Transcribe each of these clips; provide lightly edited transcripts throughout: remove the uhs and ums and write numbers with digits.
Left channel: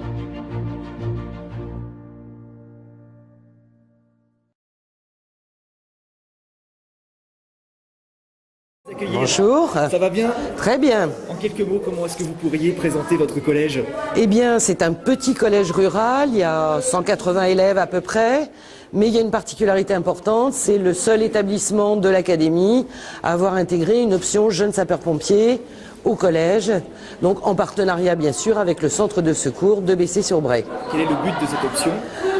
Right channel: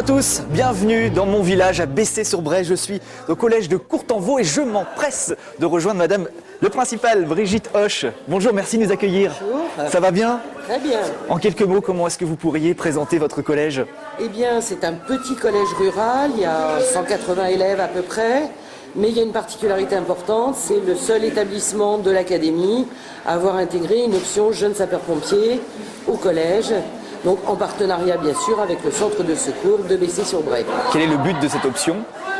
à tous, bienvenue dans mon village à Bessay-sur-Bray. Je suis au collège de Courtenvaux et je m'empresse de rejoindre madame le principal, Brigitte Hoche. Bonjour, merci de nous accueillir. Bonjour. Ça va bien? Très bien. En quelques mots, comment est-ce que vous pourriez présenter votre collège? Eh bien, c'est un petit collège rural, il y a 180 élèves à peu près. Mais il y a une particularité importante, c'est le seul établissement de l'académie à avoir intégré une option jeunes sapeurs-pompiers au collège. Donc en partenariat bien sûr avec le centre de secours de Bessay-sur-Bray. Quel est le but de cette option?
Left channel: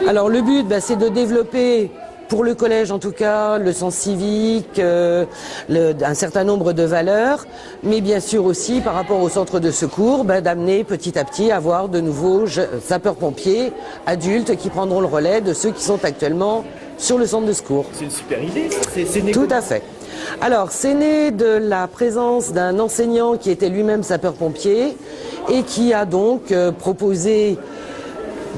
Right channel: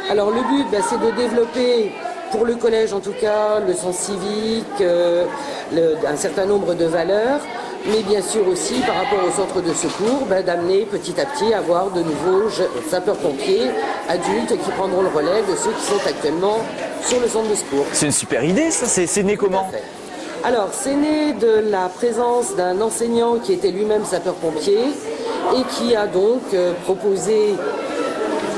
Alors le but, c'est de développer, pour le collège en tout cas, le sens civique, un certain nombre de valeurs, mais bien sûr aussi par rapport au centre de secours, d'amener petit à petit à avoir de nouveaux sapeurs-pompiers adultes qui prendront le relais de ceux qui sont actuellement sur le centre de secours. C'est une super idée ça, c'est né Tout comment? à fait. Alors, c'est né de la présence d'un enseignant qui était lui-même sapeur-pompier et qui a donc proposé,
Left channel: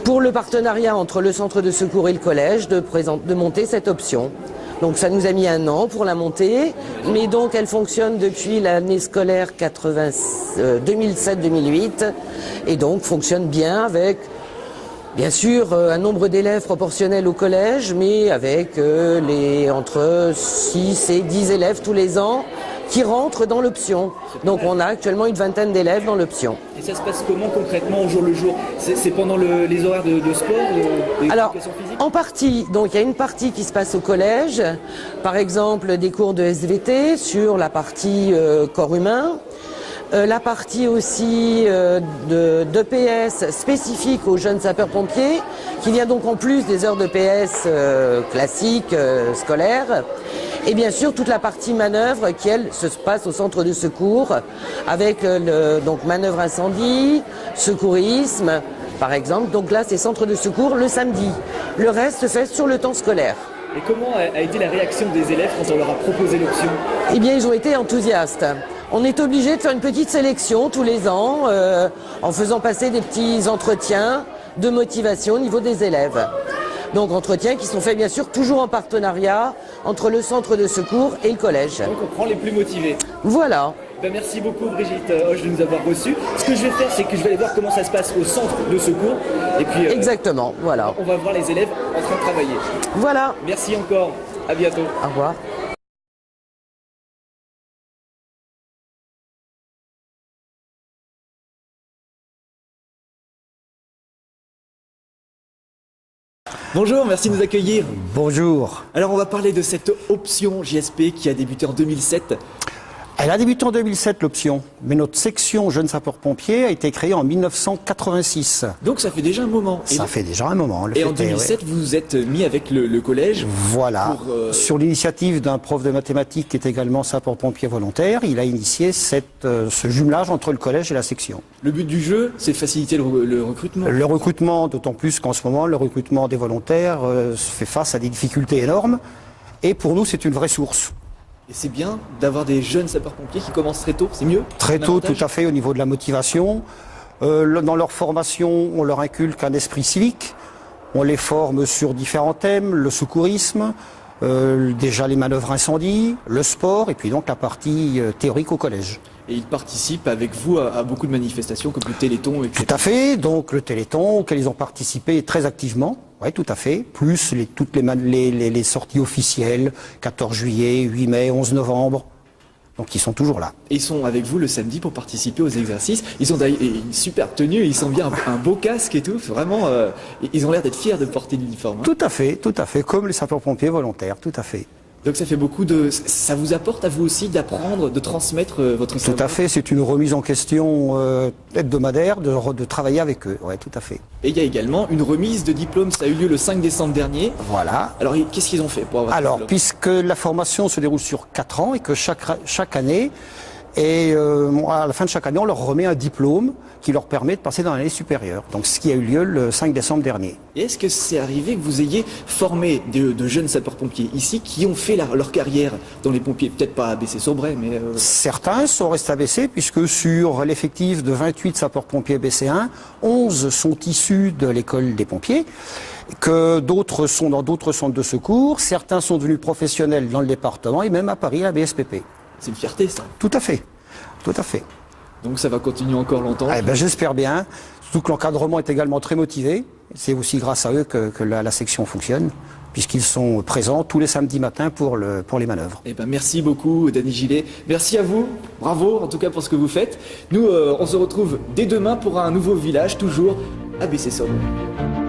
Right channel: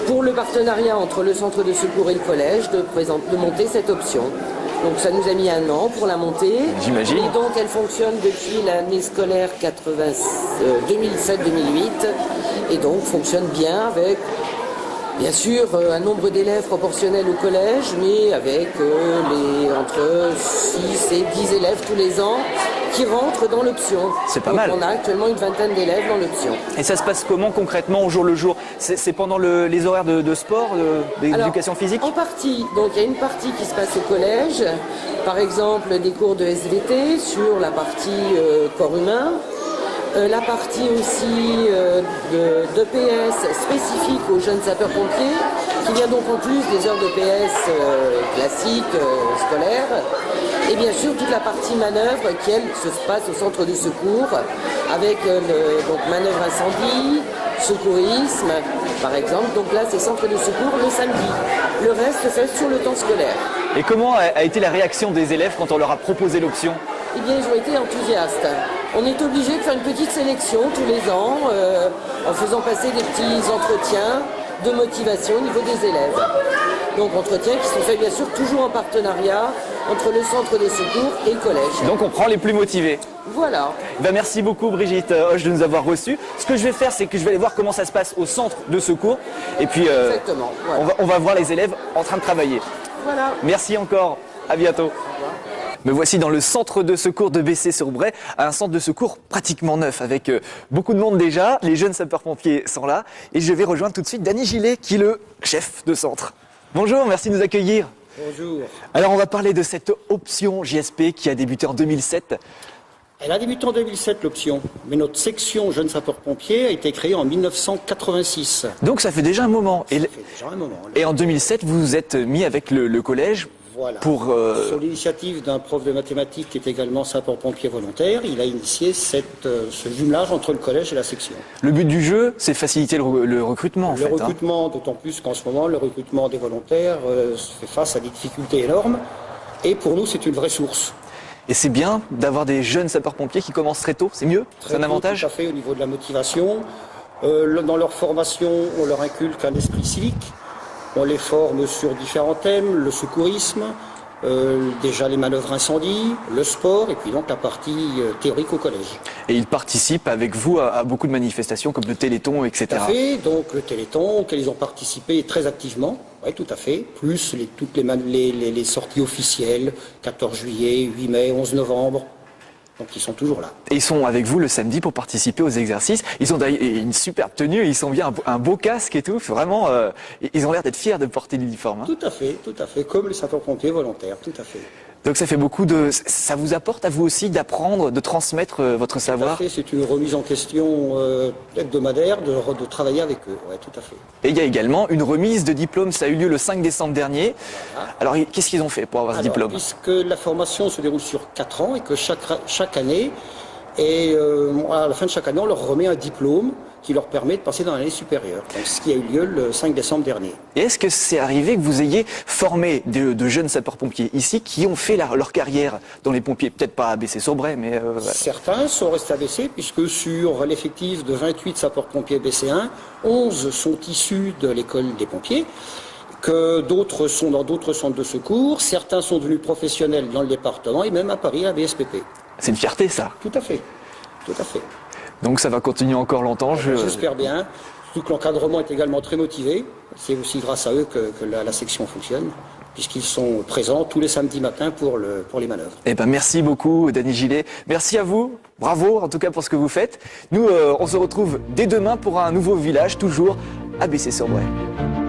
pour le partenariat entre le centre de secours et le collège, de monter cette option. Donc ça nous a mis 1 an pour la monter. J'imagine. Et donc elle fonctionne depuis l'année scolaire 2007-2008 et donc fonctionne bien avec... Bien sûr, un nombre d'élèves proportionnel au collège, mais avec entre 6 et 10 élèves tous les ans qui rentrent dans l'option. Donc on a actuellement une vingtaine d'élèves dans l'option. Et ça se passe comment concrètement au jour le jour? C'est pendant les horaires de sport, d'éducation physique? En partie, donc il y a une partie qui se passe au collège, par exemple des cours de SVT sur la partie corps humain. La partie aussi d'EPS spécifique aux jeunes sapeurs-pompiers, qui vient donc en plus des heures d'EPS classiques, scolaires. Et bien sûr toute la partie manœuvre qui, elle, se passe au centre de secours, avec donc manœuvre incendie, secourisme, par exemple. Donc là, c'est centre de secours le samedi. Le reste, c'est sur le temps scolaire. Et comment a été la réaction des élèves quand on leur a proposé l'option? Eh bien, ils ont été enthousiastes. On est obligé de faire une petite sélection tous les ans en faisant passer des petits entretiens de motivation au niveau des élèves. Donc entretiens qui sont faits bien sûr toujours en partenariat entre le centre de secours et le collège. Donc on prend les plus motivés. Voilà. Merci beaucoup Brigitte Hoche de nous avoir reçus. Ce que je vais faire, c'est que je vais aller voir comment ça se passe au centre de secours. Et puis exactement, voilà. On va voir les élèves en train de travailler. Voilà. Merci encore. À bientôt. Au revoir. Me voici dans le centre de secours de Bessay-sur-Bray, un centre de secours pratiquement neuf, avec beaucoup de monde déjà. Les jeunes sapeurs-pompiers sont là. Et je vais rejoindre tout de suite Danny Gillet, qui est le chef de centre. Bonjour, merci de nous accueillir. Bonjour. Alors on va parler de cette option JSP qui a débuté en 2007. Elle a débuté en 2007 l'option, mais notre section jeunes sapeurs-pompiers a été créée en 1986. Donc ça fait déjà un moment. Ça fait déjà un moment. Et en 2007, vous vous êtes mis avec le collège. Voilà. Sur l'initiative d'un prof de mathématiques qui est également sapeur-pompier volontaire, il a initié ce jumelage entre le collège et la section. Le but du jeu, c'est faciliter le recrutement. Le recrutement, d'autant plus qu'en ce moment, le recrutement des volontaires fait face à des difficultés énormes. Et pour nous, c'est une vraie source. Et c'est bien d'avoir des jeunes sapeurs-pompiers qui commencent très tôt, c'est mieux? Très tôt, tout à fait, au niveau de la motivation. Dans leur formation, on leur inculque un esprit civique. On les forme sur différents thèmes, le secourisme, déjà les manœuvres incendie, le sport, et puis donc la partie théorique au collège. Et ils participent avec vous à beaucoup de manifestations comme le Téléthon, etc. Tout à fait, donc le Téléthon, auquel ils ont participé très activement. Oui, tout à fait. Plus toutes les sorties officielles, 14 juillet, 8 mai, 11 novembre. Donc ils sont toujours là. Et ils sont avec vous le samedi pour participer aux exercices. Ils ont une superbe tenue, ils sont bien un beau casque et tout. Vraiment, ils ont l'air d'être fiers de porter l'uniforme. Tout à fait, comme les sapeurs-pompiers volontaires, tout à fait. Donc ça fait beaucoup de... Ça vous apporte à vous aussi d'apprendre, de transmettre votre savoir? Tout à fait, c'est une remise en question hebdomadaire de travailler avec eux. Oui, tout à fait. Et il y a également une remise de diplôme, ça a eu lieu le 5 décembre dernier. Voilà. Alors qu'est-ce qu'ils ont fait pour avoir ce diplôme? Puisque la formation se déroule sur 4 ans et que chaque année, à la fin de chaque année, on leur remet un diplôme qui leur permet de passer dans l'année supérieure. Donc, ce qui a eu lieu le 5 décembre dernier. Est-ce que c'est arrivé que vous ayez formé de jeunes sapeurs-pompiers ici qui ont fait leur carrière dans les pompiers? Peut-être pas à Bessay-sur-Bray, mais... Certains sont restés à Bessay, puisque sur l'effectif de 28 sapeurs-pompiers BC1, 11 sont issus de l'école des pompiers, que d'autres sont dans d'autres centres de secours, certains sont devenus professionnels dans le département et même à Paris à BSPP. C'est une fierté, ça. Tout à fait, tout à fait. Donc ça va continuer encore longtemps. J'espère bien. Surtout que l'encadrement est également très motivé. C'est aussi grâce à eux que la section fonctionne, puisqu'ils sont présents tous les samedis matins pour les manœuvres. Eh ben, merci beaucoup, Dany Gillet. Merci à vous. Bravo, en tout cas, pour ce que vous faites. Nous, on se retrouve dès demain pour un nouveau village, toujours à Bessay-sur-Bray.